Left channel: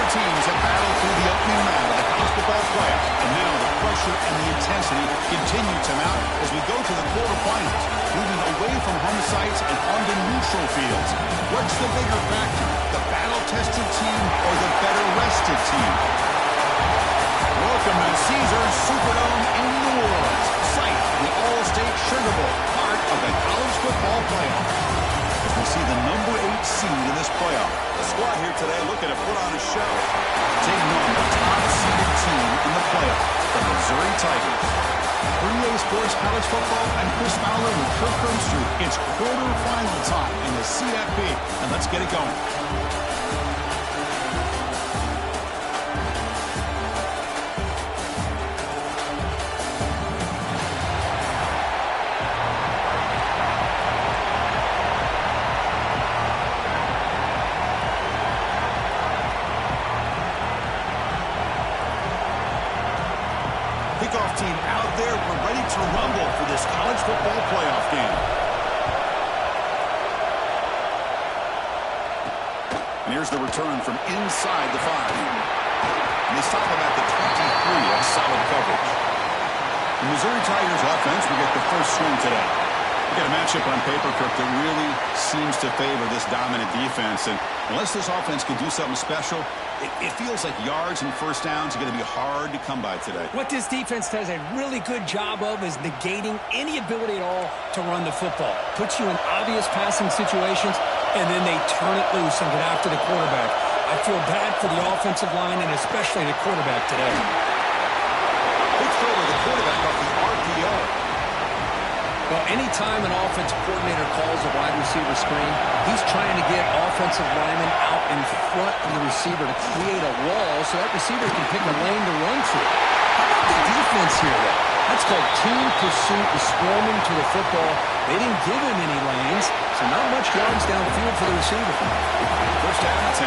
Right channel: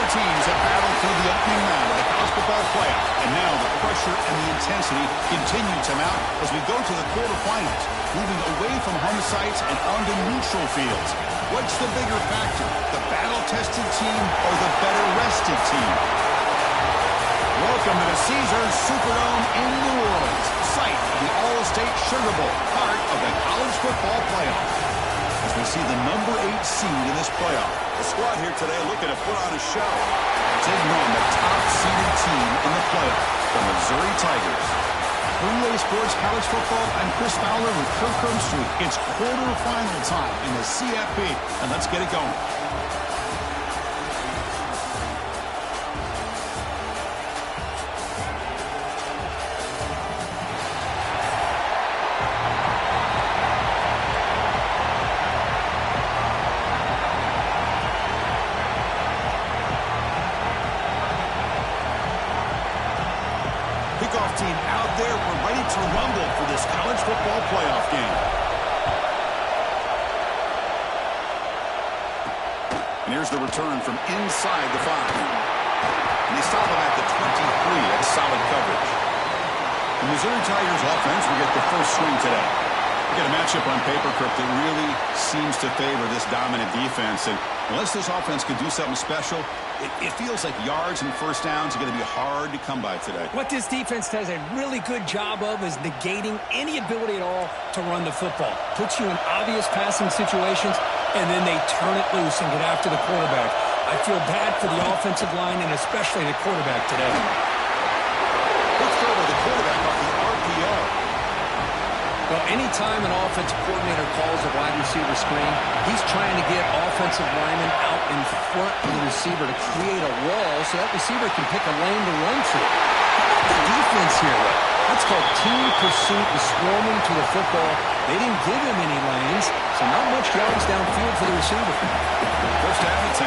Four teams have battled through the opening round of the college football playoff, and now the pressure and the intensity continue to mount as we go to the quarterfinals, moving away from home sites and onto neutral fields. What's the bigger factor, the battle-tested team or the better-rested team? Welcome to the Caesars Superdome in New Orleans, site of the All-State Sugar Bowl, part of the college football playoff. As we see the number 8 seed in this playoff. The squad here today looking to put on a show. Taking on the top-seeded team in the playoff, the Missouri Tigers. For EA Sports College Football, I'm Chris Fowler with Kirk Herbstreit. It's quarterfinal time in the CFP, and let's get it going. Kickoff team out there. We're ready to rumble for this college football playoff game. And here's the return from inside the 5. And they stop him at the 23. That's solid coverage. The Missouri Tigers offense will get the first swing today. We got a matchup on paper, Kirk, that really seems to favor this dominant defense. And unless this offense can do something special, it feels like yards and first downs are going to be hard to come by today. What this defense does a really good job of is negating any ability at all to run the football. Puts you in obvious passing situations, and then they turn it loose and get after the quarterback. I feel bad for the offensive line and especially the quarterback today. Quick throw to the quarterback off the RPO. Well, anytime an offensive coordinator calls a wide receiver screen, he's trying to get offensive linemen out in front of the receiver to create a wall so that receiver can pick a lane to run through. How about the defense here, though? That's called team pursuit and swarming to the football. They didn't give him any lanes, so not much yards downfield for the receiver. First down and 10.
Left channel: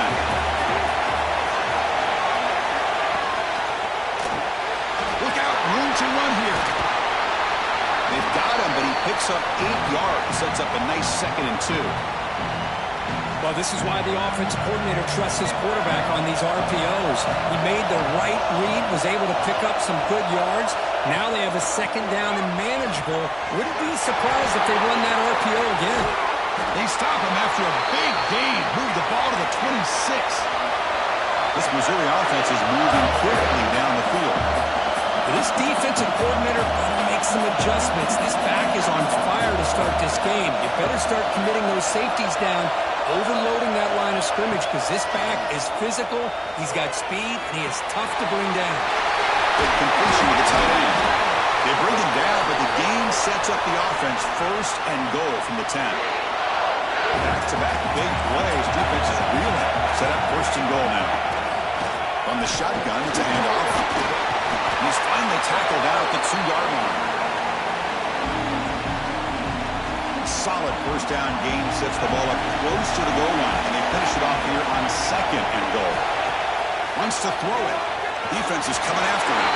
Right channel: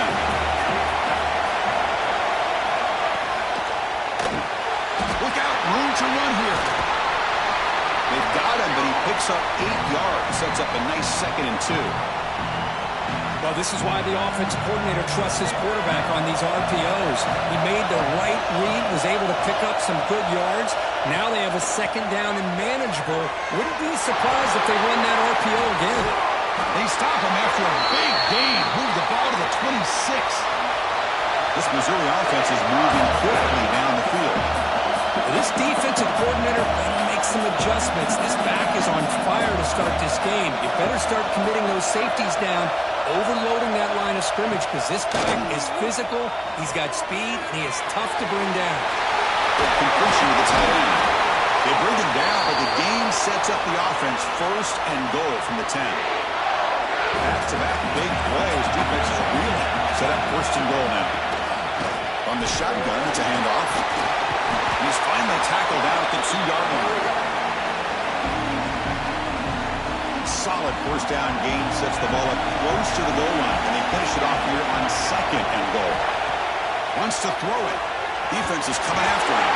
Look out, room to run here. They've got him, but he picks up 8 yards. Sets up a nice 2nd and 2. Well, this is why the offensive coordinator trusts his quarterback on these RPOs. He made the right read, was able to pick up some good yards. Now they have a 2nd down and manageable. Wouldn't be surprised if they run that RPO again. They stop him after a big gain. Move the ball to the 26. This Missouri offense is moving quickly down the field. This defensive coordinator better make some adjustments. This back is on fire to start this game. You better start committing those safeties down, overloading that line of scrimmage, because this back is physical, he's got speed, and he is tough to bring down. Good completion to the tight end. They bring him down, but the gain sets up the offense 1st and goal from the 10. Back-to-back big plays. Defense is reeling. Set up 1st and goal now. On the shotgun, it's a handoff. He's finally tackled out at the 2-yard line. Solid first down gain sets the ball up close to the goal line, and they finish it off here on 2nd and goal. Wants to throw it. Defense is coming after him.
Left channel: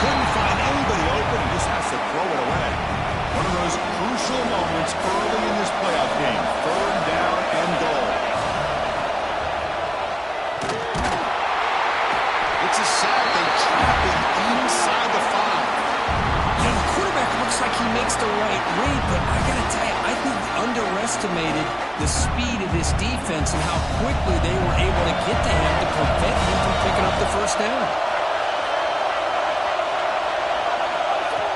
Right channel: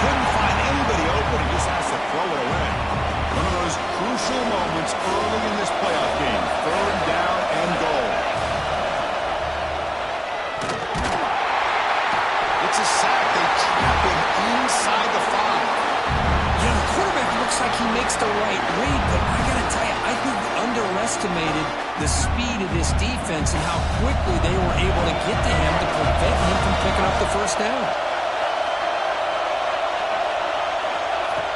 Couldn't find anybody open and just has to throw it away. One of those crucial moments early in this playoff game. 3rd down and goal. It's a sack. They trap him inside the 5. You know, the quarterback looks like he makes the right read, but I got to tell you, I think he underestimated the speed of this defense and how quickly they were able to get to him to prevent him from picking up the first down.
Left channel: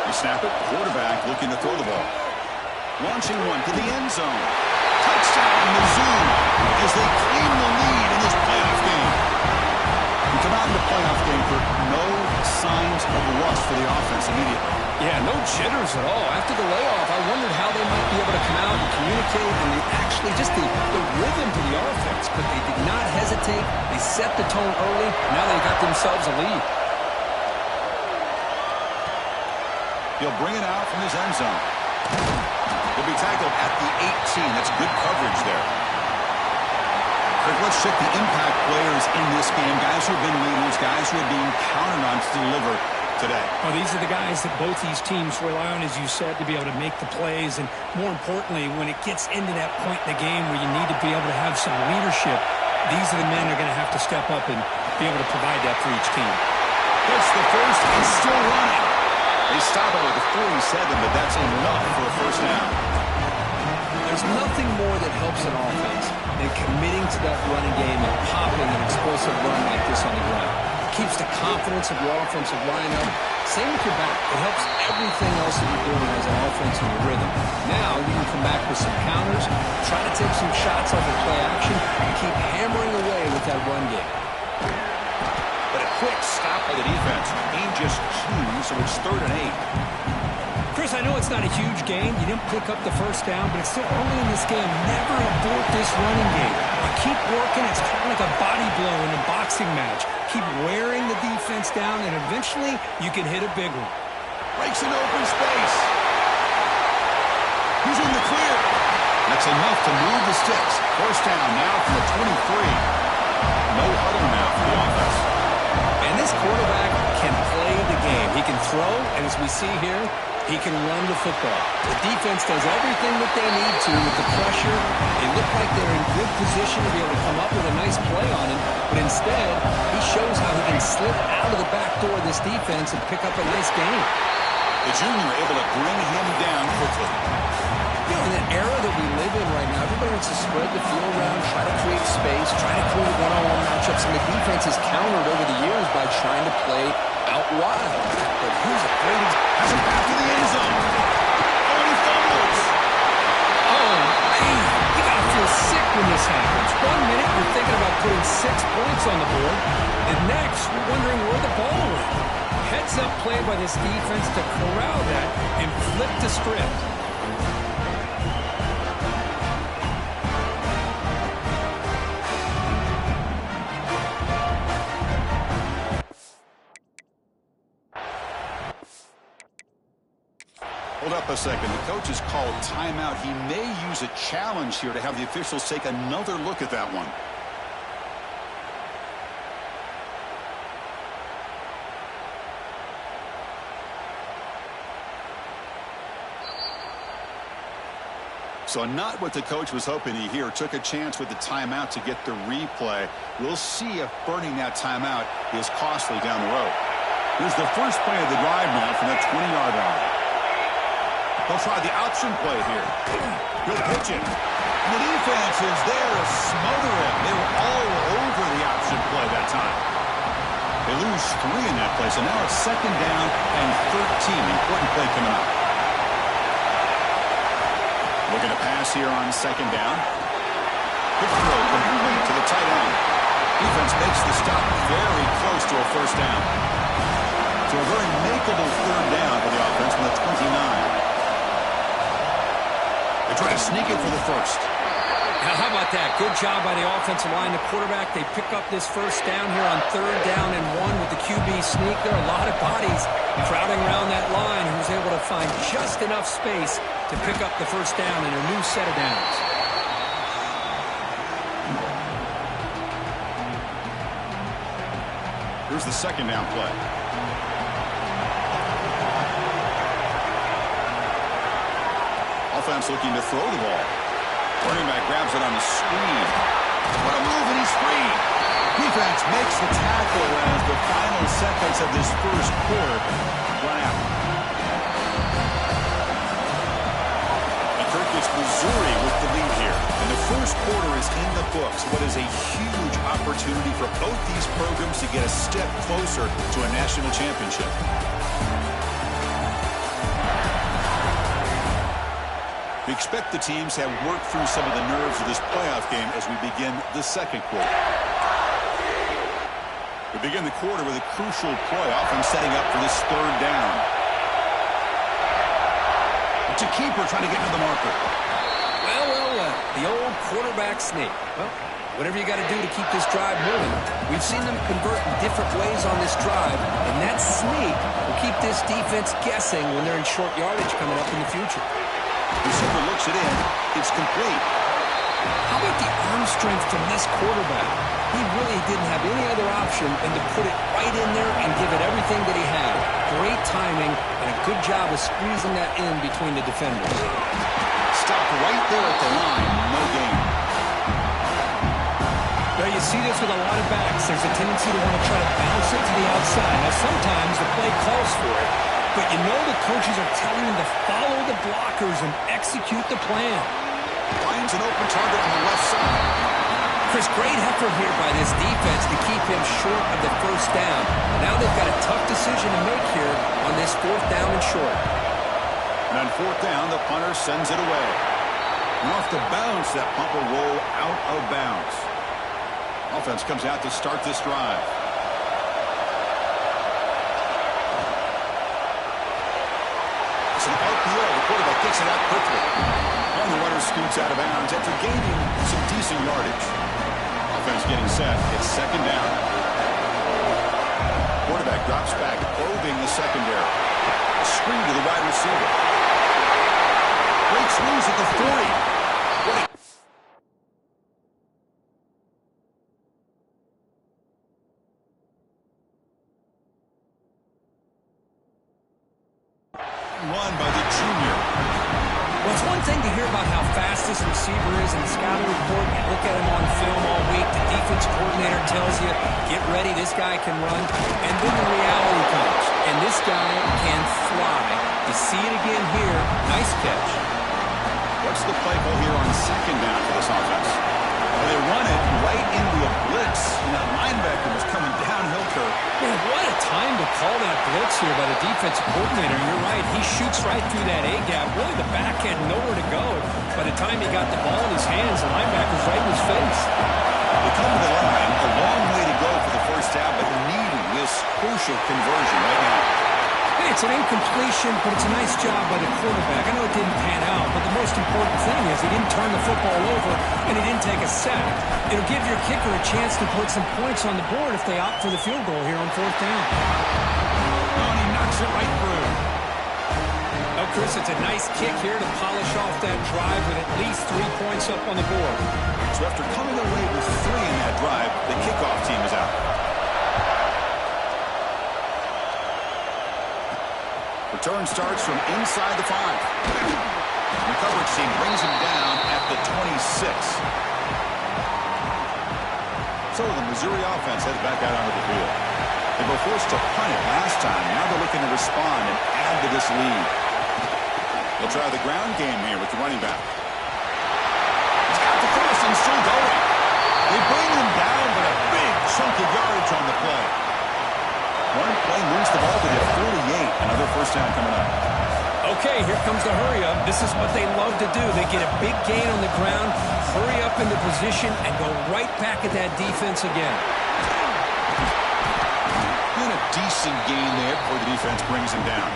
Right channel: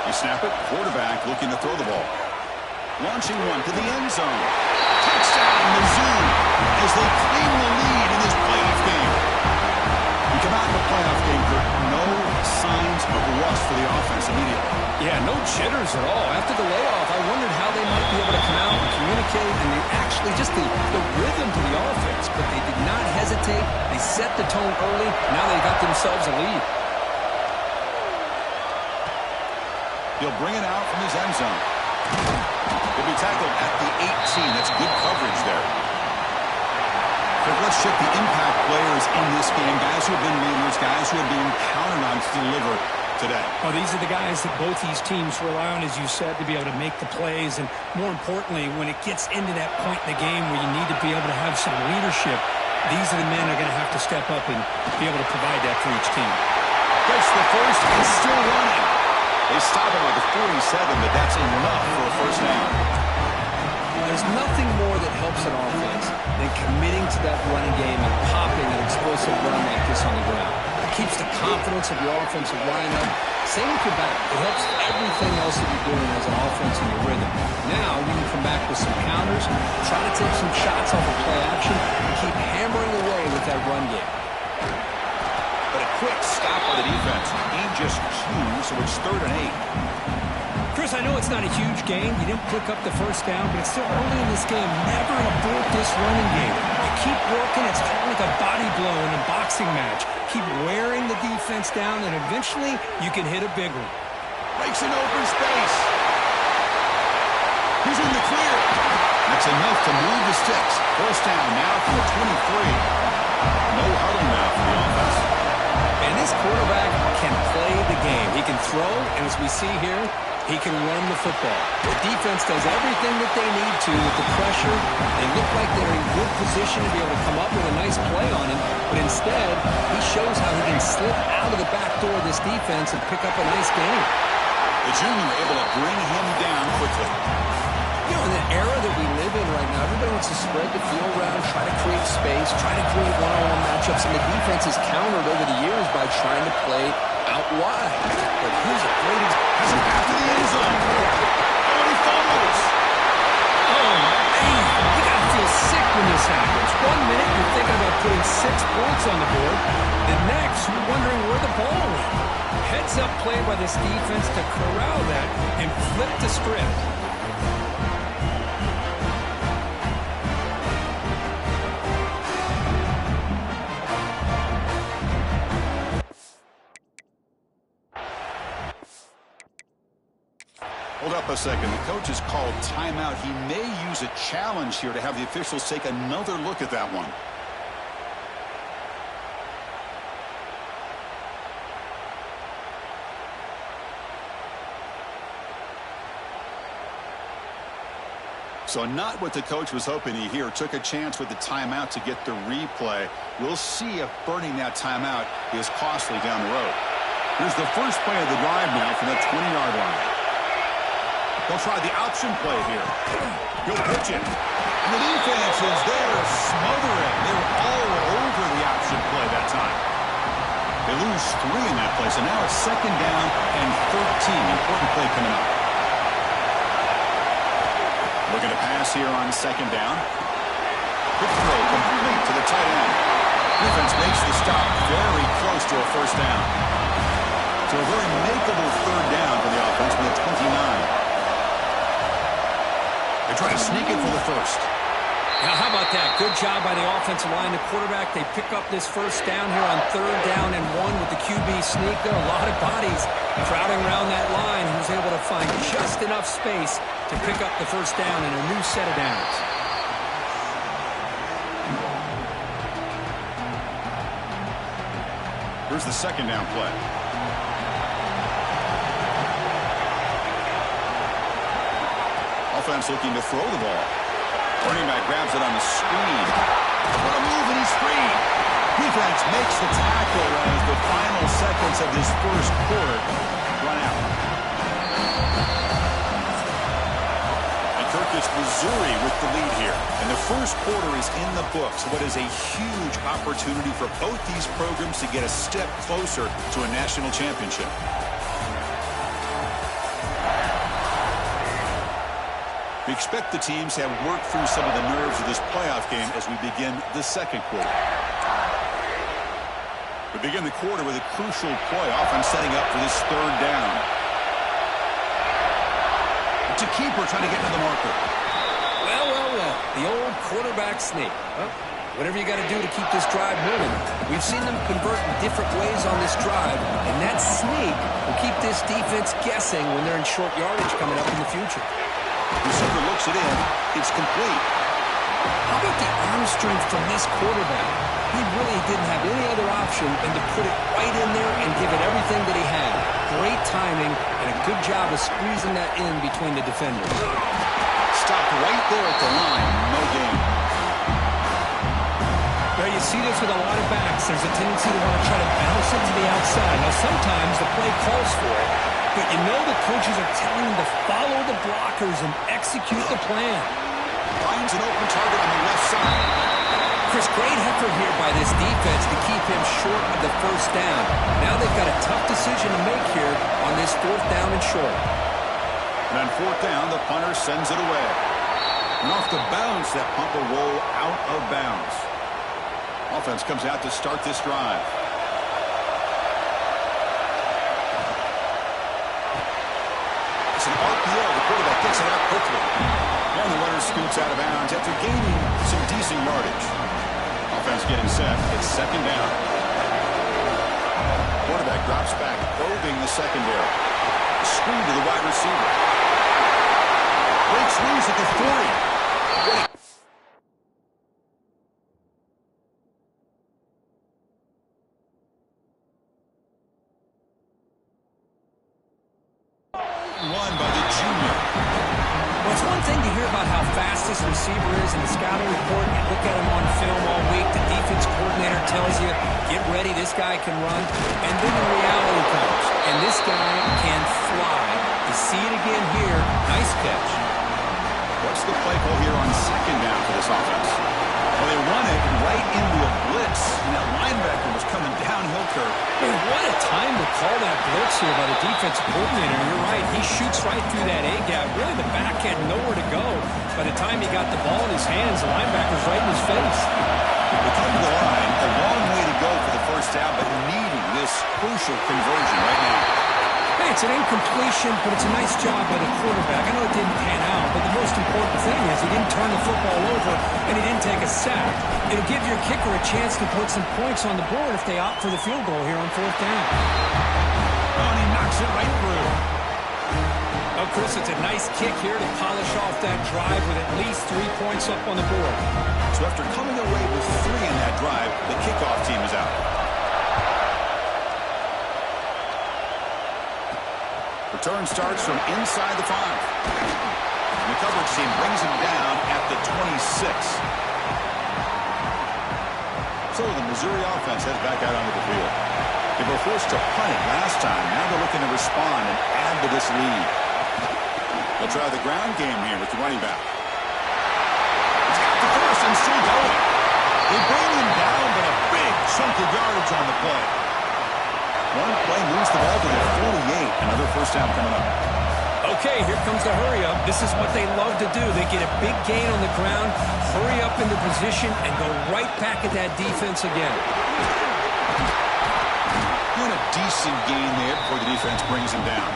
They snap it. Quarterback looking to throw the ball. Launching one to the end zone. Touchdown, Mizzou, as they claim the lead in this playoff game. You come out in the playoff game, Kirk, no signs of rust for the offense immediately. Yeah, no jitters at all. After the layoff, I wondered how they might be able to come out and communicate and actually just the rhythm to the offense. But they did not hesitate. They set the tone early. Now they got themselves a lead. He'll bring it out from his end zone. He'll be tackled at the 18. That's good coverage there. Let's check the impact players in this game. Guys who have been leaders, guys who are being counted on to deliver today. Well, these are the guys that both these teams rely on, as you said, to be able to make the plays. And more importantly, when it gets into that point in the game where you need to be able to have some leadership, These are the men that are going to have to step up and be able to provide that for each team. Gets the first and still running. They stop him at the 47, but that's enough for a first down. There's nothing more that helps an offense than committing to that running game and popping an explosive run like this on the ground. It keeps the confidence of your offensive lineup. Same with your back. It helps everything else that you're doing as an offense in your rhythm. Now you can come back with some counters, try to take some shots off of play action, and keep hammering away with that run game. But a quick stop by the defense. Gain just 2, so it's 3rd and 8. Chris, I know it's not a huge gain. You didn't pick up the first down, but it's still early in this game. Never abort this running game. You keep working. It's kind of like a body blow in a boxing match. Keep wearing the defense down, and eventually you can hit a big one. Breaks in open space. He's in the clear. That's enough to move the sticks. First down now from the 23. No huddle now for the offense. And this quarterback can play the game. He can throw, and as we see here, he can run the football. The defense does everything that they need to with the pressure. They look like they're in good position to be able to come up with a nice play on him, but instead, he shows how he can slip out of the back door of this defense and pick up a nice gain. The junior able to bring him down quickly. You know, in the era that we live in right now, everybody wants to spread the field around, try to create space, try to create one-on-one matchups, and the defense has countered over the years by trying to play out wide. But here's a great example. Has him back to the end zone. Oh, and he fumbles. Oh, man, you got to feel sick when this happens. 1 minute, you're thinking about putting 6 points on the board. The next, you're wondering where the ball went. Heads up play by this defense to corral that and flip the script. Hold up a second. The coach has called timeout. He may use a challenge here to have the officials take another look at that one. So not what the coach was hoping to hear. Took a chance with the timeout to get the replay. We'll see if burning that timeout is costly down the road. Here's the first play of the drive now from the 20-yard line. They'll try the option play here. He'll pitch it. And the defense is there to smother him. They were all over the option play that time. They lose 3 in that play, so now it's 2nd down and 13. Important play coming up. Looking to pass here on 2nd down. Quick throw complete to the tight end. Defense makes the stop very close to a first down. So a very makeable 3rd down for the offense with a 29. They try to sneak it for the first. Now, how about that? Good job by the offensive line. The quarterback, they pick up this first down here on 3rd down and 1 with the QB sneak. There are a lot of bodies crowding around that line. He was able to find just enough space to pick up the first down in a new set of downs. Here's the 2nd down play. Offense looking to throw the ball. Running back grabs it on the screen. What a move, and he's free. Defense makes the tackle as the final seconds of this first quarter run out. And Kirkus, Missouri with the lead here. And the first quarter is in the books. What is a huge opportunity for both these programs to get a step closer to a national championship. We expect the teams to have worked through some of the nerves of this playoff game as we begin the 2nd quarter. We begin the quarter with a crucial play, often setting up for this 3rd down. It's a keeper trying to get to the marker. Well, the old quarterback sneak. Well, whatever you got to do to keep this drive moving. We've seen them convert in different ways on this drive, and that sneak will keep this defense guessing when they're in short yardage coming up in the future. Receiver looks it in. It's complete. How about the arm strength from this quarterback? He really didn't have any other option than to put it right in there and give it everything that he had. Great timing and a good job of squeezing that in between the defenders. Stopped right there at the line. No gain. Well, you see this with a lot of backs. There's a tendency to want to try to bounce it to the outside. Now, sometimes the play calls for it, but you know the coaches are telling them to follow the blockers and execute the plan. Finds an open target on the left side. Chris, great effort here by this defense to keep him short of the first down. Now they've got a tough decision to make here on this 4th down and short. And on 4th down, the punter sends it away. And off the bounce, that punt will roll out of bounds. Offense comes out to start this drive. It's an RPO. The quarterback gets it out quickly. And the runner scoots out of bounds after gaining some decent yardage. Offense getting set. It's 2nd down. Quarterback drops back, probing the secondary. A screen to the wide receiver. Breaks loose at the 40. What a run by the junior. Well, it's one thing to hear about how fast this receiver is in the scouting report. You look at him on film all week. The defense coordinator tells you, get ready, this guy can run. And then the reality comes. And this guy can fly. You see it again here. Nice catch. What's the play call here on 2nd down for this offense? Well, they run it right into a blitz, and that linebacker was coming downhill curve. Man, what a time to call that blitz here by the defensive coordinator. You're right. He shoots right through that A-gap. Really, the back had nowhere to go. By the time he got the ball in his hands, the linebacker's right in his face. They come to the line, a long way to go for the first down, but needing this crucial conversion right now. Hey, it's an incompletion, but it's a nice job by the quarterback. I know it didn't pan out, but the most important thing is he didn't turn the football over and he didn't take a sack. It'll give your kicker a chance to put some points on the board if they opt for the field goal here on 4th down. Oh, and he knocks it right through. Oh, Chris, it's a nice kick here to polish off that drive with at least 3 points up on the board. So after coming away with 3 in that drive, the kickoff team is out. Return starts from inside the 5. And the coverage team brings him down at the 26. So the Missouri offense heads back out onto the field. They were forced to punt it last time. Now they're looking to respond and add to this lead. They'll try the ground game here with the running back. He's got the first and still going. They bring him down, but a big chunk of yardage on the play. One play moves the ball to the 48. Another first down coming up. Okay, here comes the hurry-up. This is what they love to do. They get a big gain on the ground, hurry up into position, and go right back at that defense again. Doing a decent gain there before the defense brings him down.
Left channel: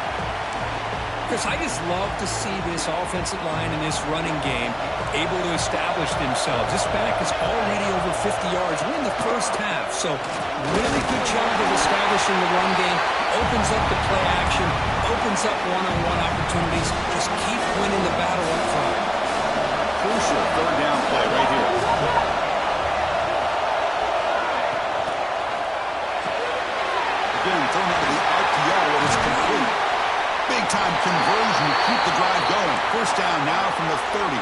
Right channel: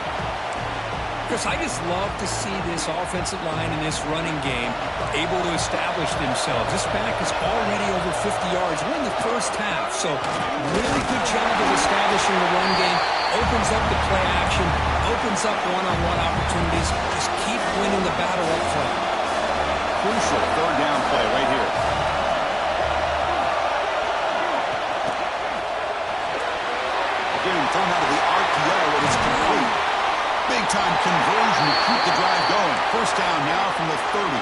Chris, I just love to see this offensive line and this running game able to establish themselves. This back is already over 50 yards. We're in the first half, so really good job of establishing the run game. Opens up the play action, opens up one-on-one opportunities. Just keep winning the battle up front. Crucial 3rd down play right here. Again, thrown out of the RPO, and it's complete. Big-time conversion to keep the drive going. First down now from the 30.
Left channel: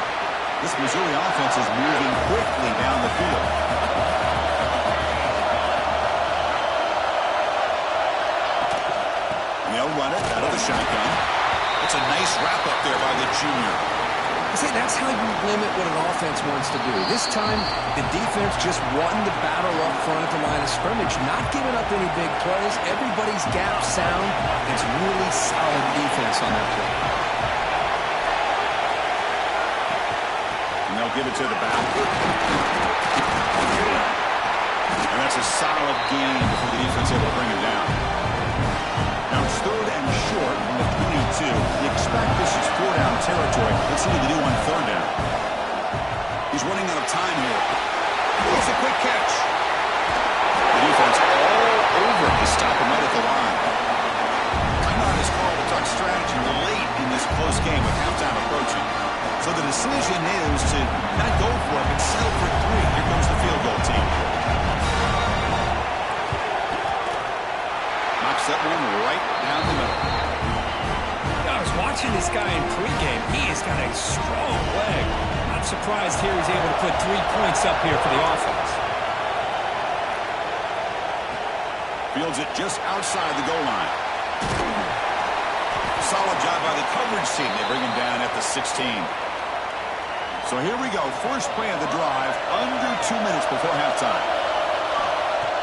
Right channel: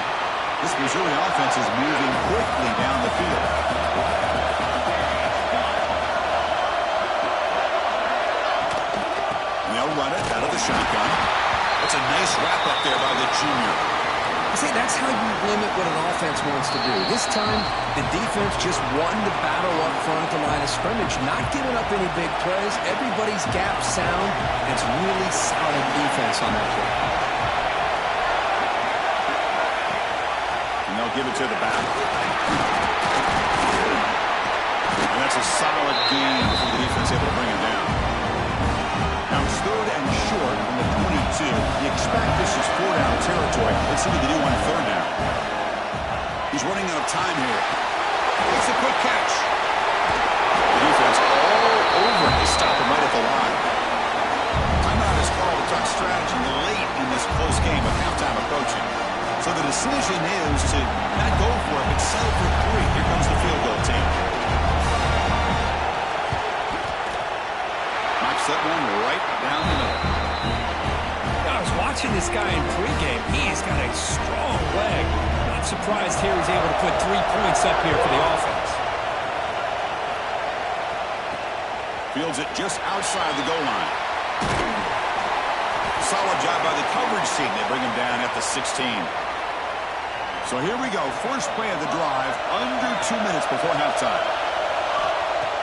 This Missouri offense is moving quickly down the field. And they'll run it out of the shotgun. That's a nice wrap-up there by the junior. See, that's how you limit what an offense wants to do. This time, the defense just won the battle up front at the line of scrimmage, not giving up any big plays. Everybody's gap sound. It's really solid defense on that play. And they'll give it to the back. And that's a solid gain before the defense able to bring him down. Now it's 3rd and short from the 22. You expect this is 4-down territory. Let's see what they do on 3rd down. He's running out of time here. It's a quick catch. The defense all over. They stop him right at the line. Timeout is called to talk strategy late in this close game with halftime approaching. So the decision is to not go for it, but settle for 3. Here comes the field goal team. That one right down the middle. I was watching this guy in pregame. He's got a strong leg. Not surprised here he's able to put 3 points up here for the offense. Fields it just outside the goal line. Solid job by the coverage team. They bring him down at the 16. So here we go. First play of the drive, under 2 minutes before halftime.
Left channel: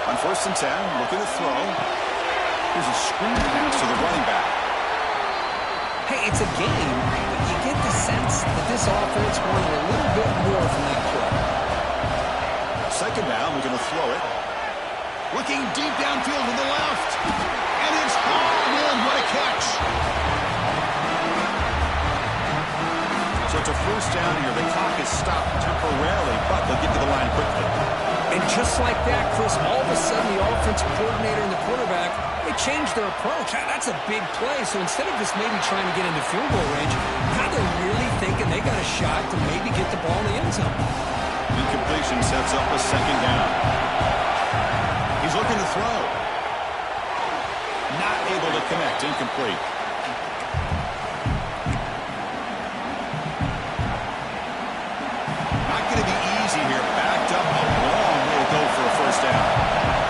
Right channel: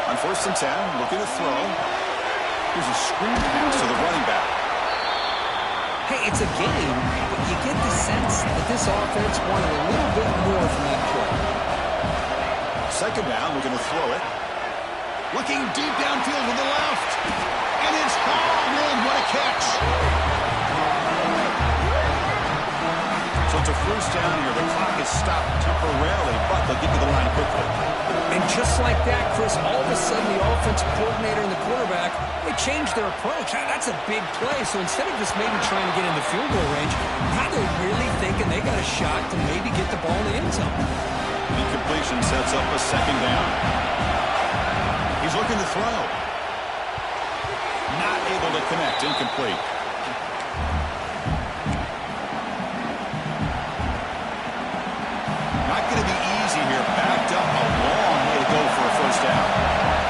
On 1st and 10, looking to throw. Here's a screen pass to the running back. Hey, it's a game, but you get the sense that this offense wanted a little bit more from that play. 2nd down, looking to throw it. Looking deep downfield to the left. And it's hauled in. What a catch. So it's a 1st down here. The clock is stopped temporarily, but they'll get to the line quickly. And just like that, Chris, all of a sudden the offensive coordinator and the quarterback, they changed their approach. That's a big play. So instead of just maybe trying to get into field goal range, now they're really thinking they got a shot to maybe get the ball in the end zone. Incompletion sets up a 2nd down. He's looking to throw. Not able to connect. Incomplete. Not going to be easy here. Backed up a long way to go for a 1st down.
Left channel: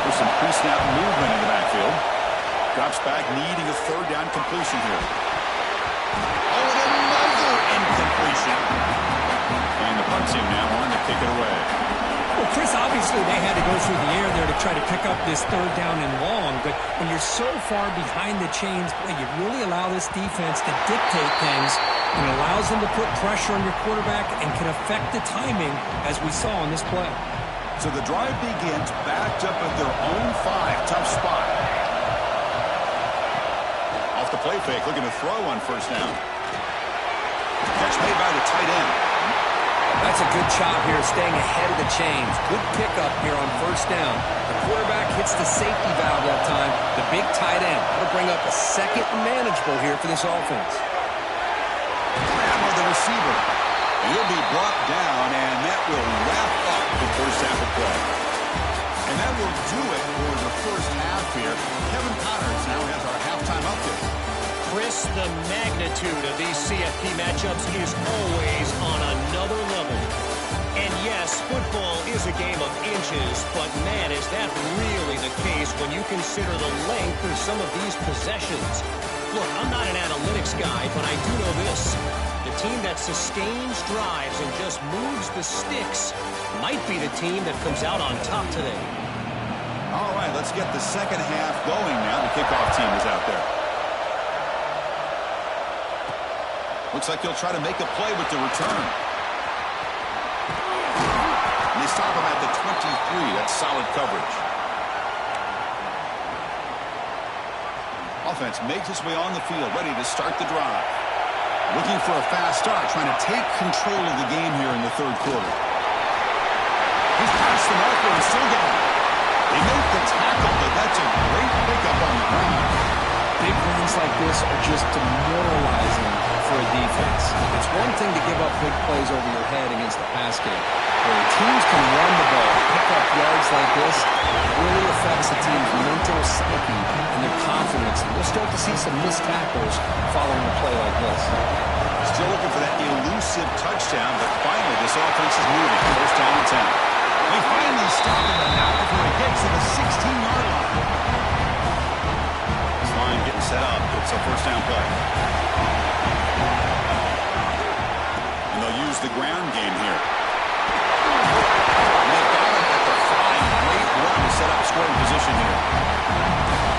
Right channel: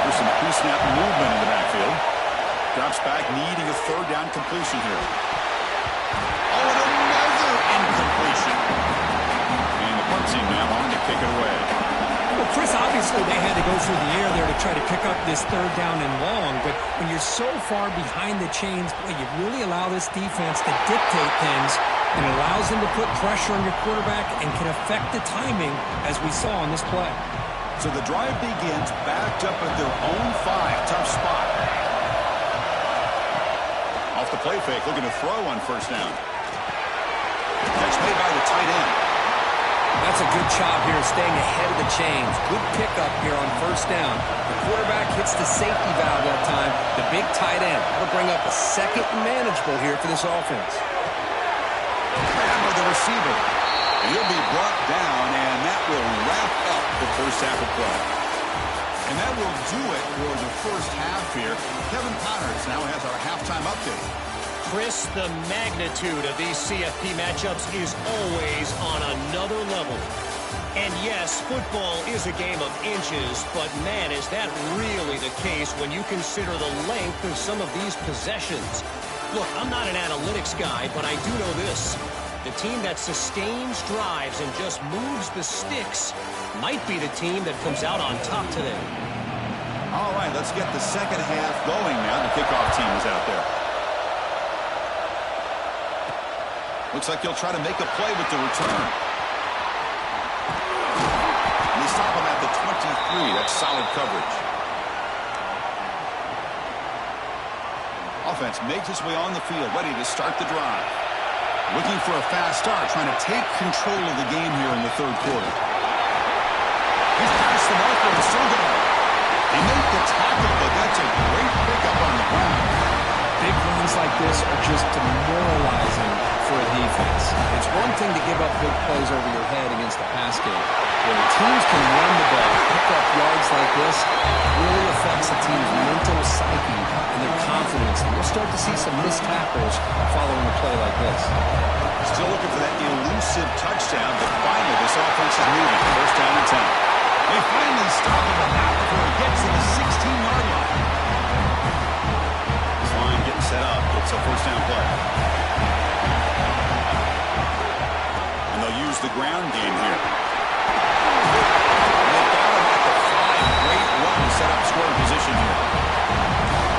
There's some pre-snap movement in the backfield. Drops back, needing a 3rd down completion here. Oh, and another incompletion. And the punt team now on to kick it away. Well, Chris, obviously they had to go through the air there to try to pick up this 3rd down and long, but when you're so far behind the chains, boy, you really allow this defense to dictate things, and it allows them to put pressure on your quarterback and can affect the timing, as we saw on this play. So the drive begins backed up at their own 5. Tough spot. Off the play fake, looking to throw on 1st down. Catch made by the tight end. That's a good job here, staying ahead of the chains. Good pickup here on 1st down. The quarterback hits the safety valve that time. The big tight end. That'll bring up a 2nd and manageable here for this offense. Grab by the receiver. And he'll be brought down, and that will wrap up the 1st half of play. And that will do it for the 1st half here. Kevin Connors now has our halftime update. Chris, the magnitude of these CFP matchups is always on another level. And yes, football is a game of inches, but man, is that really the case when you consider the length of some of these possessions. Look, I'm not an analytics guy, but I do know this. The team that sustains drives and just moves the sticks might be the team that comes out on top today. All right, let's get the 2nd half going now. The kickoff team is out there. Looks like he'll try to make a play with the return. And they stop him at the 23. That's solid coverage. Offense makes its way on the field, ready to start the drive. Looking for a fast start, trying to take control of the game here in the 3rd quarter. He's past the marker and still going. They make the tackle, but that's a great pickup on the ground. Big runs like this are just demoralizing for a defense. It's one thing to give up big plays over your head against the pass game. When teams can run the ball, pick up yards like this, it really affects the team's mental psyche and their confidence. And you'll start to see some missed tackles following a play like this. Still looking for that elusive touchdown, but finally this offense is moving. 1st down and 10. They finally stop him, but not before he gets to the 16-yard line. This line getting set up. It's a 1st down play. And they'll use the ground game here. And they've got him at the 5. Great run to set up scoring position here.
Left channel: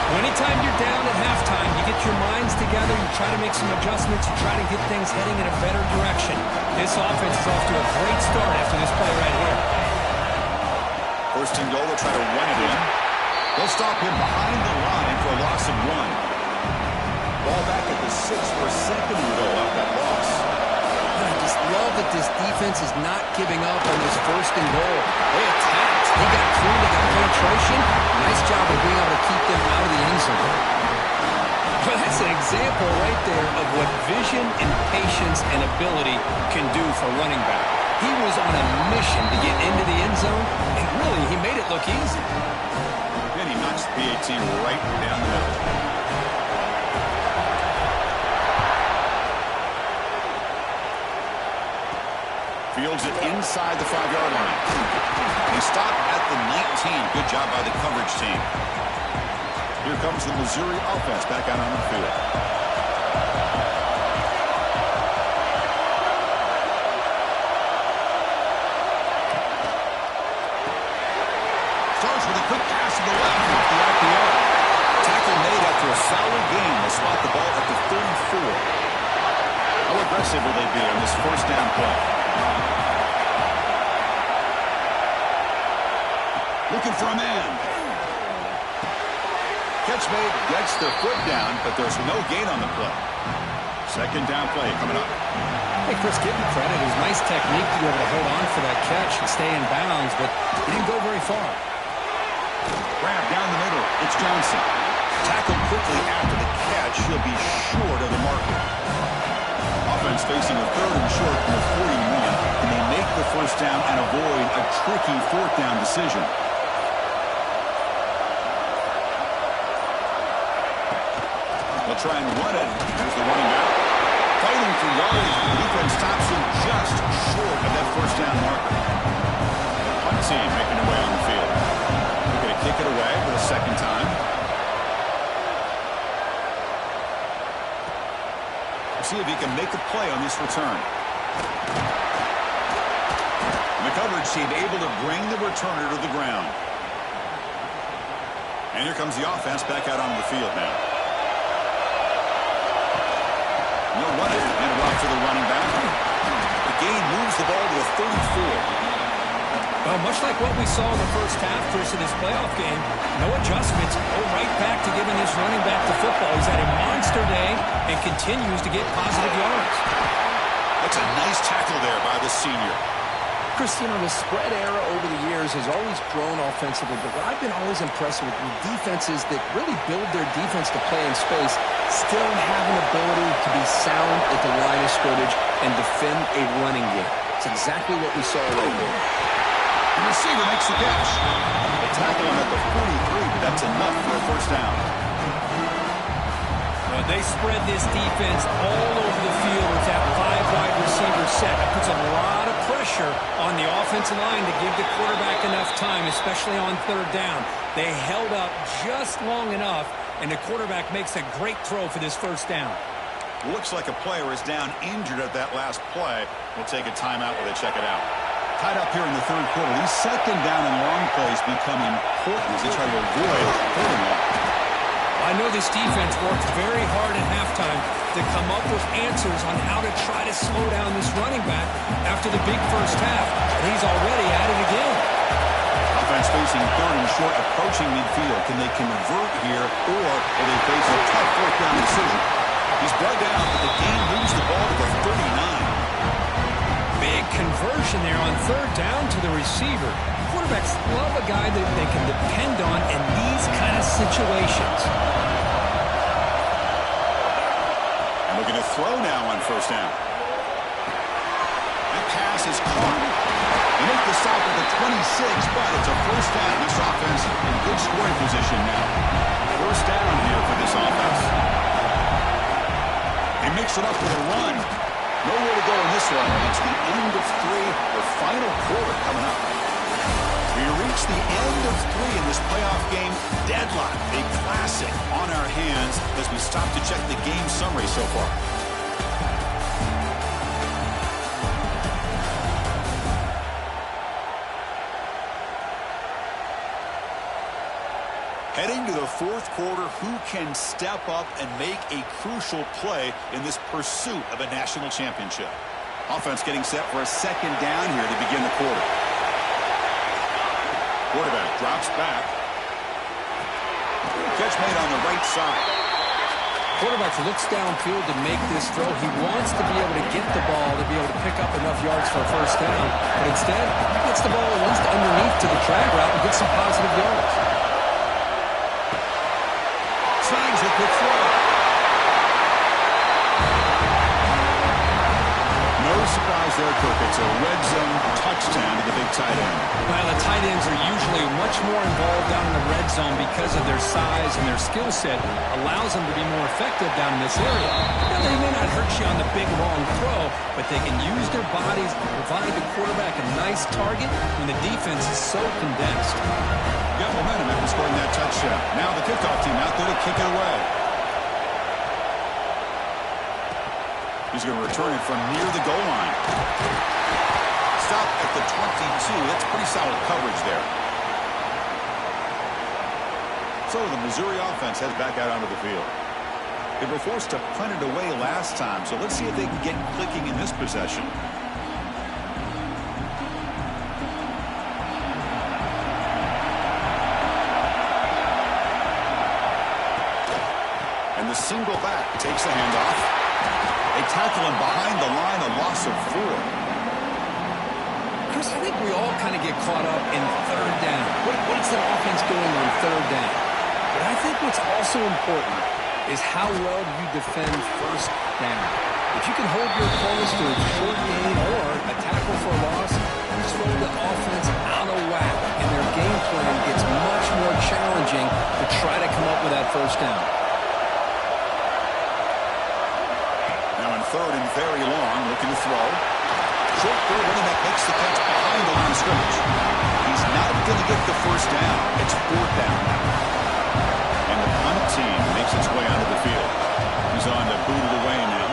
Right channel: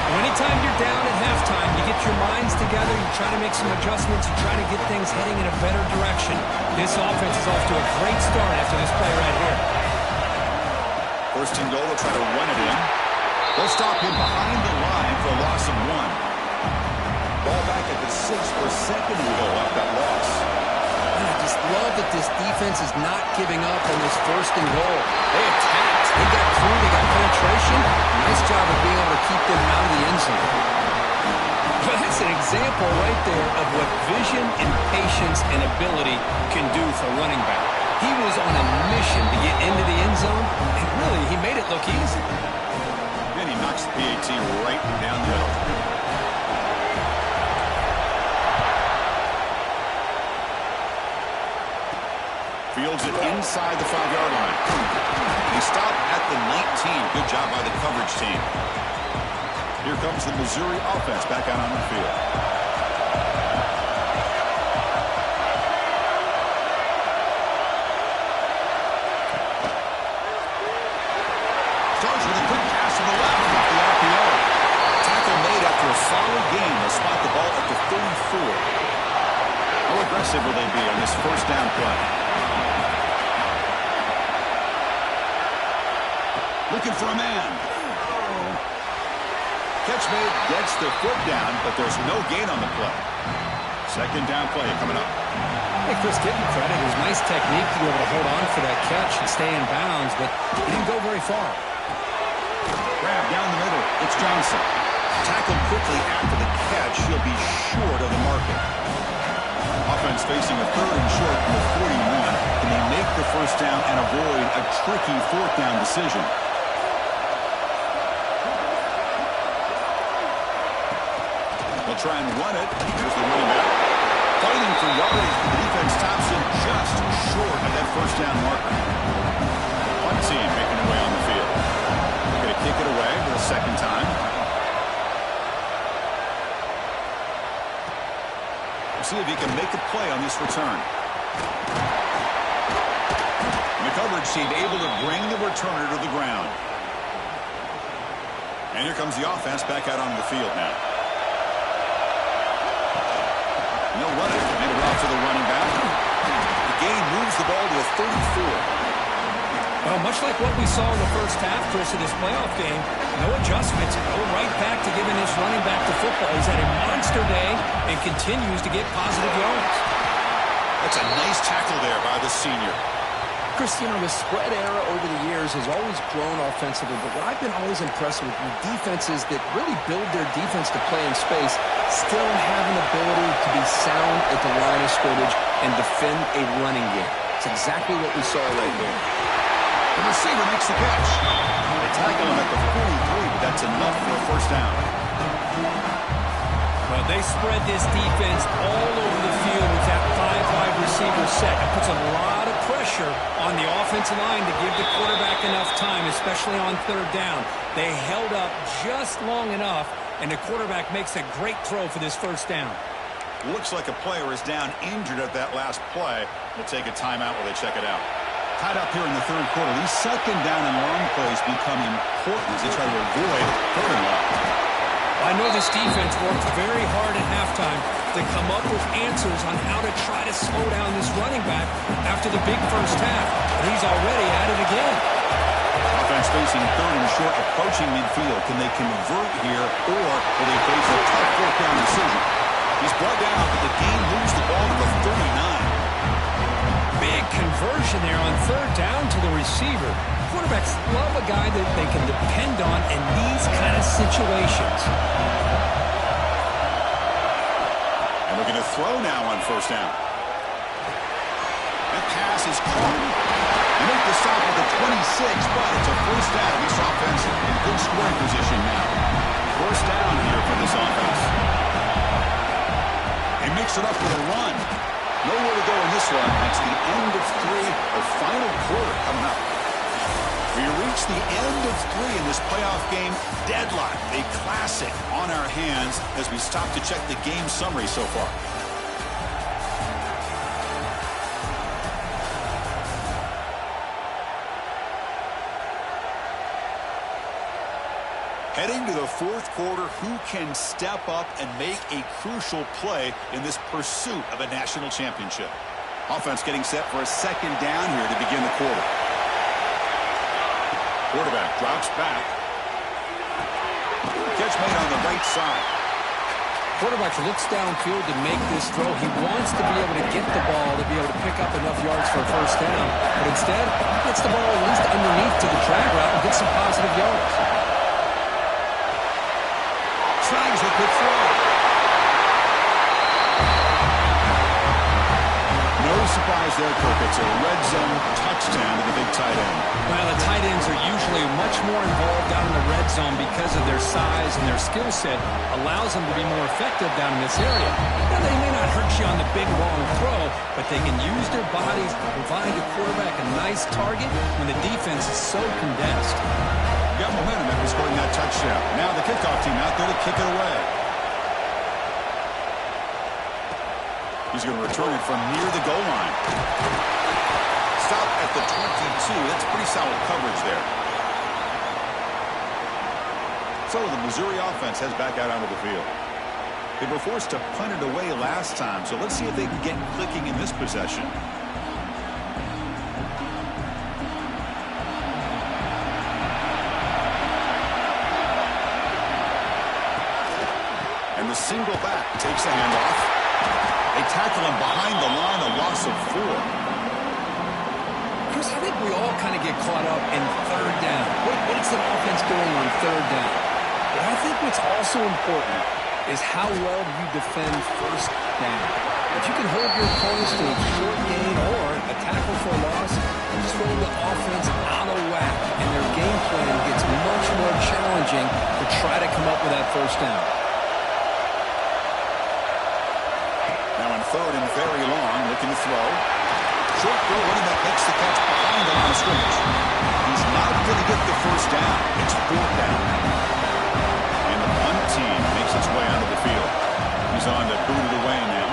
Well, anytime you're down at halftime, you get your minds together, you try to make some adjustments, you try to get things heading in a better direction. This offense is off to a great start after this play right here. 1st and goal, they'll try to run it in. They'll stop him behind the line for a loss of 1. Ball back at the 6 for a 2nd and goal off that loss. And I just love that this defense is not giving up on this 1st and goal. They attacked. They got through. They got penetration. Nice job of being able to keep them out of the end zone. Well, that's an example right there of what vision and patience and ability can do for a running back. He was on a mission to get into the end zone, and really, he made it look easy. Then he knocks the PAT right down the middle. Fields it inside the 5-yard line. He stopped at the 19. Good job by the coverage team. Here comes the Missouri offense back out on the field. Starts with a quick pass to the left off the RPO. Tackle made after a solid gain. They'll spot the ball at the 34. How aggressive will they be on this first down play? Looking for a man. Catch made, gets the foot down, but there's no gain on the play. Second down play coming up. Hey, Chris, give him credit. It was nice technique to be able to hold on for that catch and stay in bounds, but he didn't go very far. Grab down the middle. It's Johnson. Tackled quickly after the catch. He'll be short of the marker. Offense facing a third and short from the 41. Can they make the first down and avoid a tricky fourth down decision? They'll try and run it. Here's the running back. Fighting for yardage, but the defense stops him just short of that first down marker. The punt team making their way on the field. They're going to kick it away for the second time. We'll see if he can make a play on this return. And the coverage team able to bring the returner to the ground. And here comes the offense back out on the field now. They'll run it, and it off to the running back. The gain moves the ball to the 34. Well, much like what we saw in the first half, Chris, in this playoff game, no adjustments, go right back to giving his running back the football. He's had a monster day and continues to get positive yards. That's a nice tackle there by the senior. Chris, you know, the spread era over the years has always grown offensively, but what I've been always impressed with defenses that really build their defense to play in space still have an ability to be sound at the line of scrimmage and defend a running game. It's exactly what we saw right there. The receiver makes the catch. They tackle him at the 43, but that's enough for a first down. Well, they spread this defense all over the field with that 5-wide receiver set. That puts a lot of pressure on the offensive line to give the quarterback enough time, especially on third down. They held up just long enough, and the quarterback makes a great throw for this first down. Looks like a player is down injured at that last play. We'll take a timeout while they check it out. Tied up here in the third quarter. These second down and long plays become important as they try to avoid third and long. I know this defense worked very hard at halftime to come up with answers on how to try to slow down this running back after the big first half, and he's already at it again. Offense facing third and short, approaching midfield. Can they convert here, or will they face a tough fourth down decision? He's brought down, but the gain moves the ball to the 39. Big conversion there on third down to the receiver. Quarterbacks love a guy that they can depend on in these kind of situations. And looking to throw now on first down. That pass is caught. They make the stop at the 26, but it's a first down. This offense in good scoring position now. First down here for this offense. They mix it up with a run. Nowhere to go in this one. That's the end of 3, the final quarter coming up. We reach the end of 3 in this playoff game. Deadlock, a classic on our hands as we stop to check the game summary so far. Heading to the fourth quarter, who can step up and make a crucial play in this pursuit of a national championship? Offense getting set for a second down here to begin the quarter. Quarterback drops back. Catch made on the right side. Quarterback looks downfield to make this throw. He wants to be able to get the ball to be able to pick up enough yards for a first down, but instead he gets the ball at least underneath to the drag route and gets some positive yards. Snags a quick throw. No surprise there, Kirk. It's a red zone touchdown to the big tight end. Well, the tight ends are usually much more involved down in the red zone because of their size and their skill set allows them to be more effective down in this area. Now, they may not hurt you on the big, long throw, but they can use their bodies to provide the quarterback a nice target when the defense is so condensed. got momentum after scoring that touchdown. Now the kickoff team out there to kick it away. He's going to return it from near the goal line. Stop at the 22. That's pretty solid coverage there. So the Missouri offense heads back out onto the field. They were forced to punt it away last time, so let's see if they can get clicking in this possession. And the single back takes the handoff. They tackle him behind the line, a loss of 4. Chris, I think we all kind of get caught up in third down. What is the offense doing on third down? But I think what's also important is how well you defend first down. If you can hold your opponents to a short gain or a tackle for a loss, you throw the offense out of whack, and their game plan gets much more challenging to try to come up with that first down. Now in third and very long, looking to throw. Short throw, running back makes the catch behind the line of scrimmage. He's not going to get the first down. It's 4th down now. And the punt team makes its way onto the field. He's on to boot it away now.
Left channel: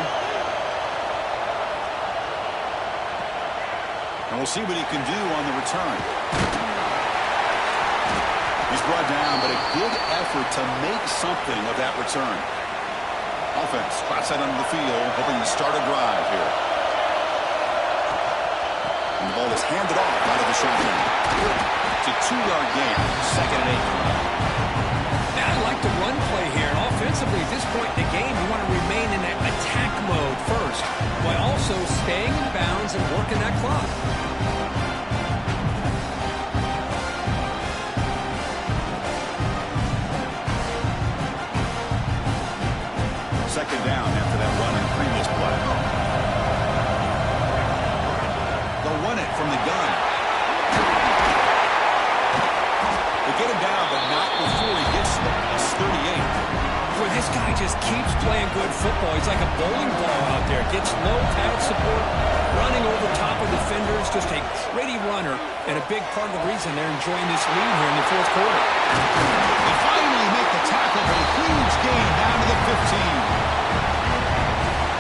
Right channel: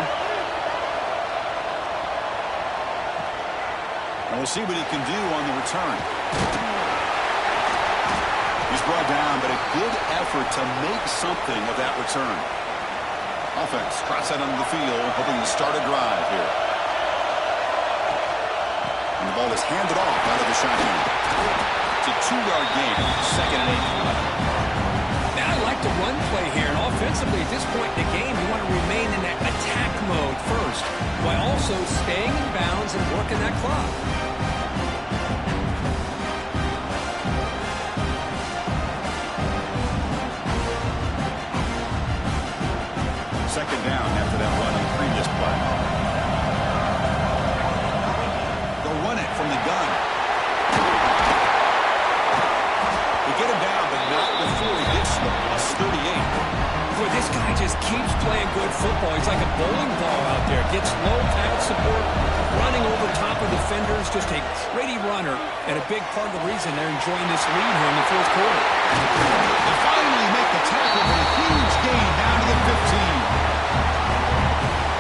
And we'll see what he can do on the return. He's brought down, but a good effort to make something of that return. Offense trots out onto the field, hoping to start a drive here. And the ball is handed off out of the shotgun. It's a 2-yard gain. 2nd and 8 coming up. Now I like the run play here. And offensively, at this point in the game, you want to remain in that attack mode first, while also staying in bounds and working that clock. Second down after that run on the previous play. They'll run it from the gun. They get him down, but not before he gets to the +38. Boy, this guy just keeps playing good football. He's like a bowling ball out there. Gets low pad support, running over top of defenders. Just a gritty runner, and a big part of the reason they're enjoying this lead here in the 4th quarter. They finally make the tackle, but a huge gain down to the 15.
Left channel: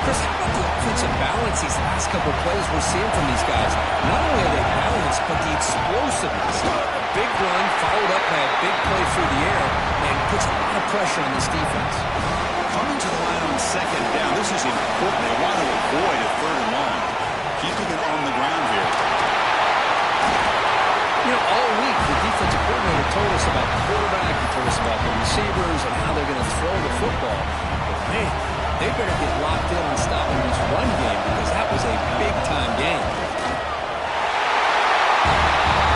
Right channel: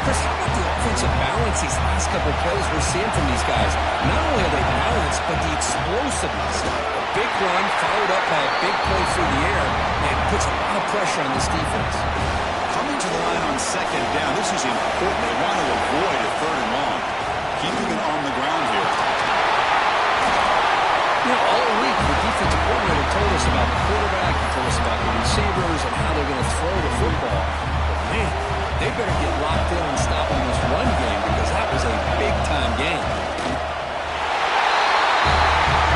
Chris, how about the offensive balance these last couple of plays we're seeing from these guys? Not only are they balanced, but the explosiveness. A big run followed up by a big play through the air, and puts a lot of pressure on this defense. Coming to the line on 2nd down, this is important. They want to avoid a 3rd and long. Keeping it on the ground here. You know, all week, the defensive coordinator told us about the quarterback. He told us about the receivers and how they're going to throw the football. But, man, they better get locked in on stopping this run game, because that was a big-time game.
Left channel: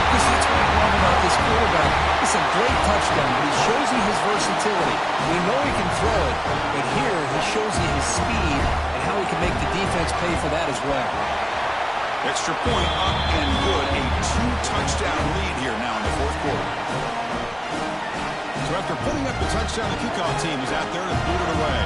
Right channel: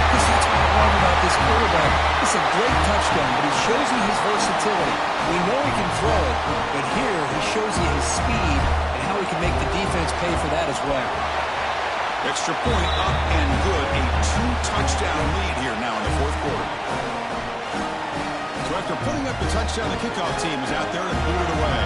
Chris, that's what I love about this quarterback. It's a great touchdown, but he shows you his versatility. We know he can throw it, but here he shows you his speed and how he can make the defense pay for that as well. Extra point up and good. A 2-touchdown lead here now in the 4th quarter. So after putting up the touchdown, the kickoff team is out there to boot it away.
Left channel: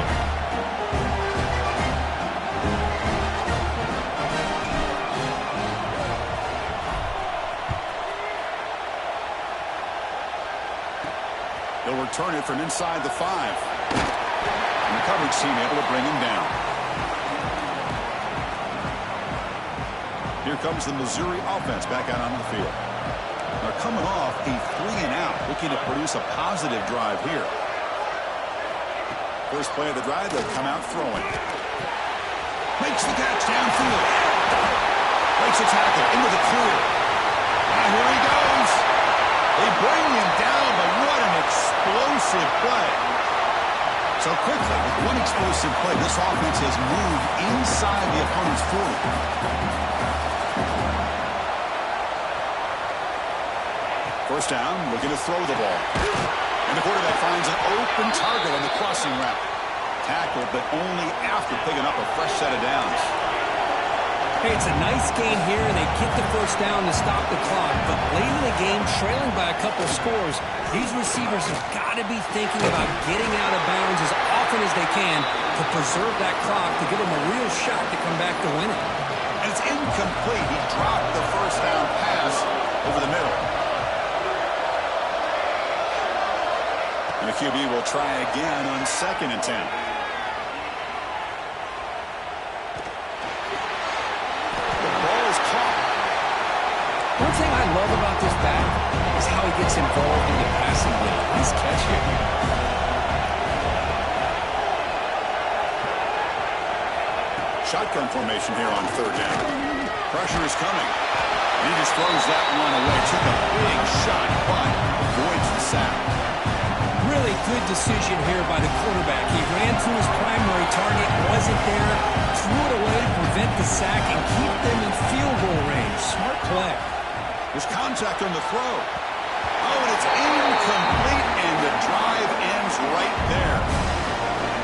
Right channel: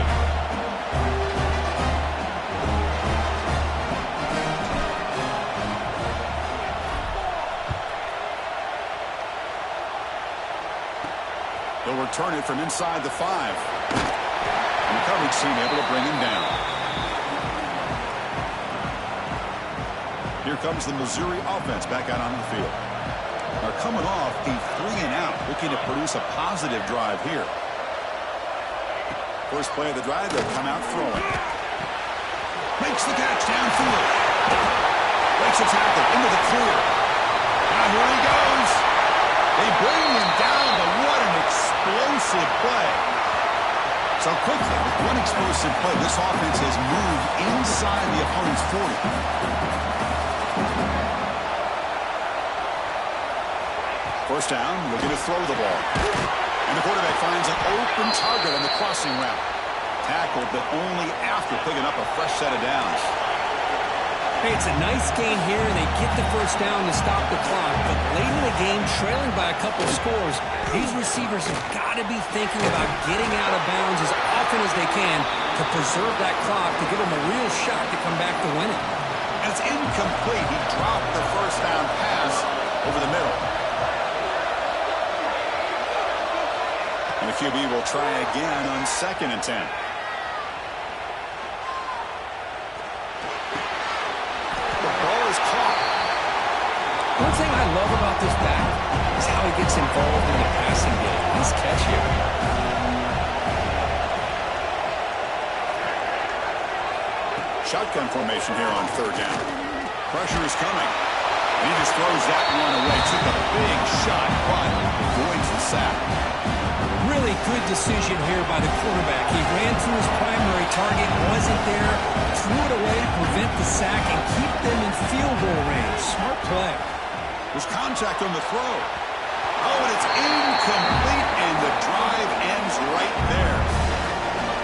He'll return it from inside the 5. And the coverage team able to bring him down. Here comes the Missouri offense back out onto the field. They're coming off a 3-and-out, looking to produce a positive drive here. First play of the drive, they'll come out throwing. Makes the catch downfield. Breaks a tackle into the clear. Now here he goes. They bring him down, but what an explosive play. So quickly, with one explosive play, this offense has moved inside the opponent's 40. First down, looking to throw the ball. And the quarterback finds an open target on the crossing route. Tackled, but only after picking up a fresh set of downs. Hey, it's a nice gain here, and they get the first down to stop the clock. But late in the game, trailing by a couple scores, these receivers have got to be thinking about getting out of bounds as often as they can to preserve that clock, to give them a real shot to come back to win it. And it's incomplete. He dropped the first down pass over the middle. And the QB will try again on 2nd and 10. The ball is caught. One thing I love about this back is how he gets involved in the passing game. Nice catch here. Shotgun formation here on 3rd down. Pressure is coming. And he just throws that one away. Took a big shot, but avoids the sack. Really good decision here by the quarterback. He ran through his primary target, wasn't there, threw it away to prevent the sack and keep them in field goal range. Smart play. There's contact on the throw. Oh, and it's incomplete, and the drive ends right there.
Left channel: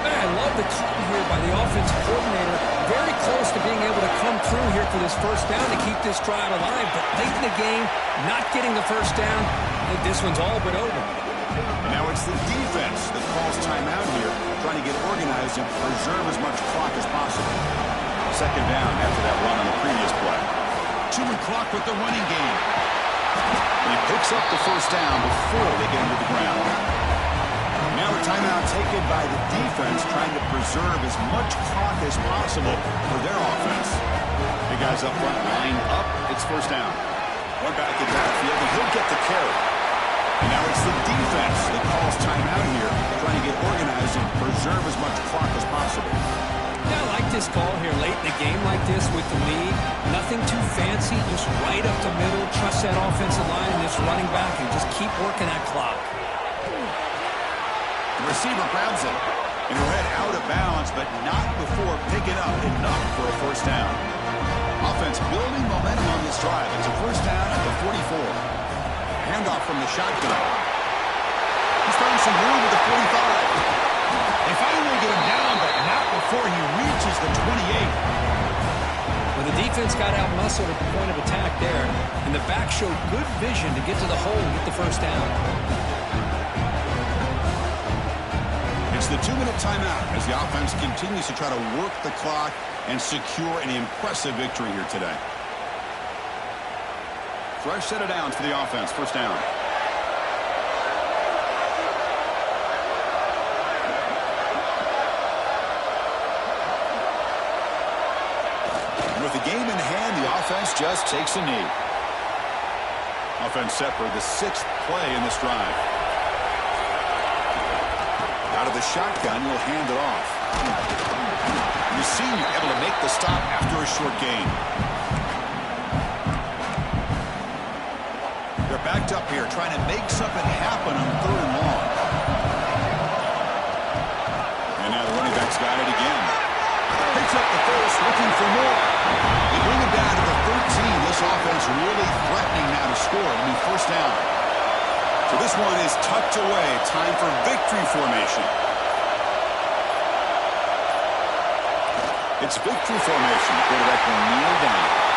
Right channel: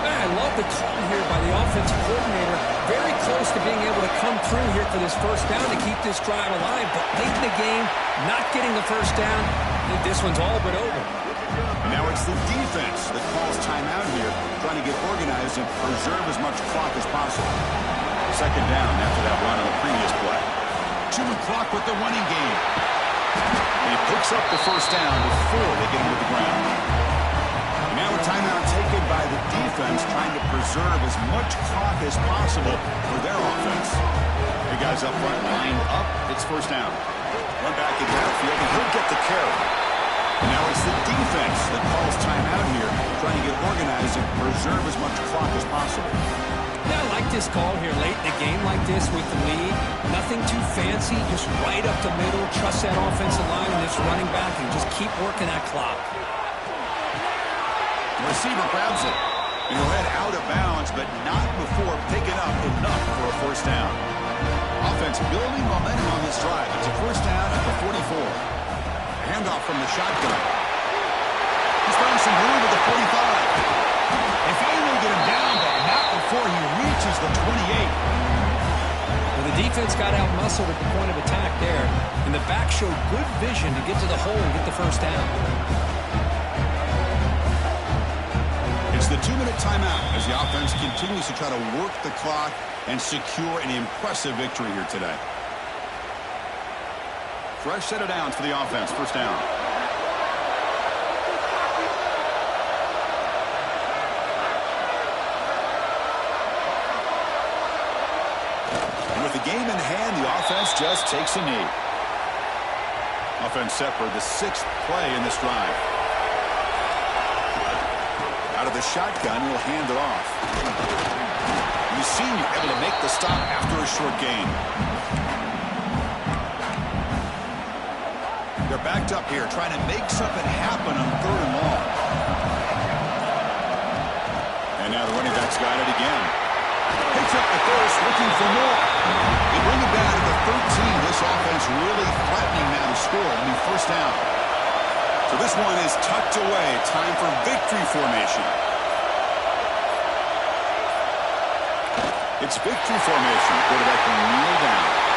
Man, I love the call here by the offensive coordinator. Very close to being able to come through here for this first down to keep this drive alive. But late in the game, not getting the first down, I think this one's all but over. And now it's the defense that calls timeout here, trying to get organized and preserve as much clock as possible. 2nd down after that run on the previous play. 2-minute clock with the running game. And he picks up the first down before they get him to the ground. And now a timeout taken by the defense, trying to preserve as much clock as possible for their offense. Hey, guys up front lined up. It's first down. One back in backfield, and he'll get the carry. And now it's the defense that calls timeout here, trying to get organized and preserve as much clock as possible. Yeah, I like this call here late in the game like this with the lead. Nothing too fancy, just right up the middle. Trust that offensive line and this running back and just keep working that clock. The receiver grabs it, and he'll head out of bounds, but not before picking up enough for a first down. Offense building momentum on this drive. It's a first down at the 44. Handoff from the shotgun. He's found some room at the 45. They finally get him down, but not before he reaches the 28. Well, the defense got out-muscled at the point of attack there, and the back showed good vision to get to the hole and get the first down. It's the 2-minute timeout as the offense continues to try to work the clock and secure an impressive victory here today. Fresh set of downs for the offense. First down. And with the game in hand, the offense just takes a knee. Offense set for the 6th play in this drive. Out of the shotgun, he'll hand it off. The senior able to make the stop after a short gain. They're backed up here, trying to make something happen on 3rd and long. And now the running back's got it again. Picks up the first, looking for more. They bring it down to the 13. This offense really threatening now to score. It'll be first down. So this one is tucked away. Time for victory formation. It's victory formation. The quarterback will kneel down.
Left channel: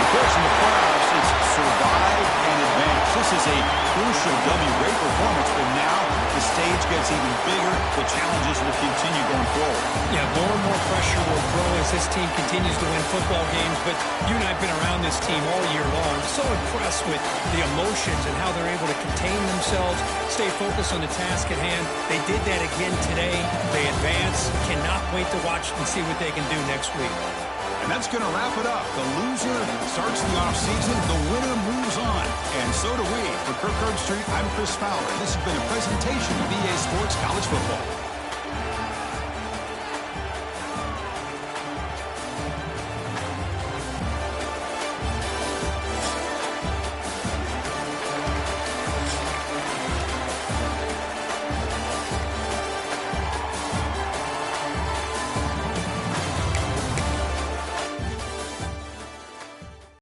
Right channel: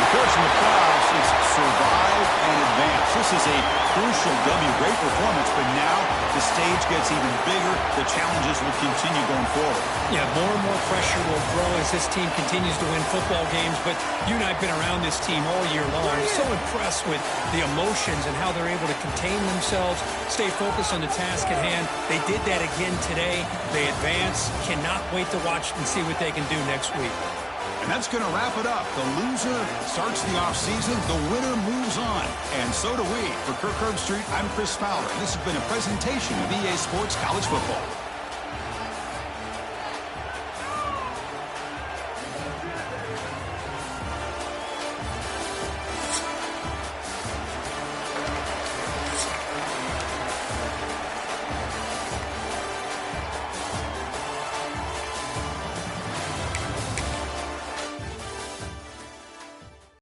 Of course, in the playoffs, it's survive and advance. This is a crucial W. Great performance, but now the stage gets even bigger. The challenges will continue going forward. Yeah, more and more pressure will grow as this team continues to win football games, but you and I have been around this team all year long. So impressed with the emotions and how they're able to contain themselves, stay focused on the task at hand. They did that again today. They advance. Cannot wait to watch and see what they can do next week. And that's going to wrap it up. The loser starts the offseason. The winner moves on. And so do we. For Kirk Herbstreit, I'm Chris Fowler. This has been a presentation of EA Sports College Football.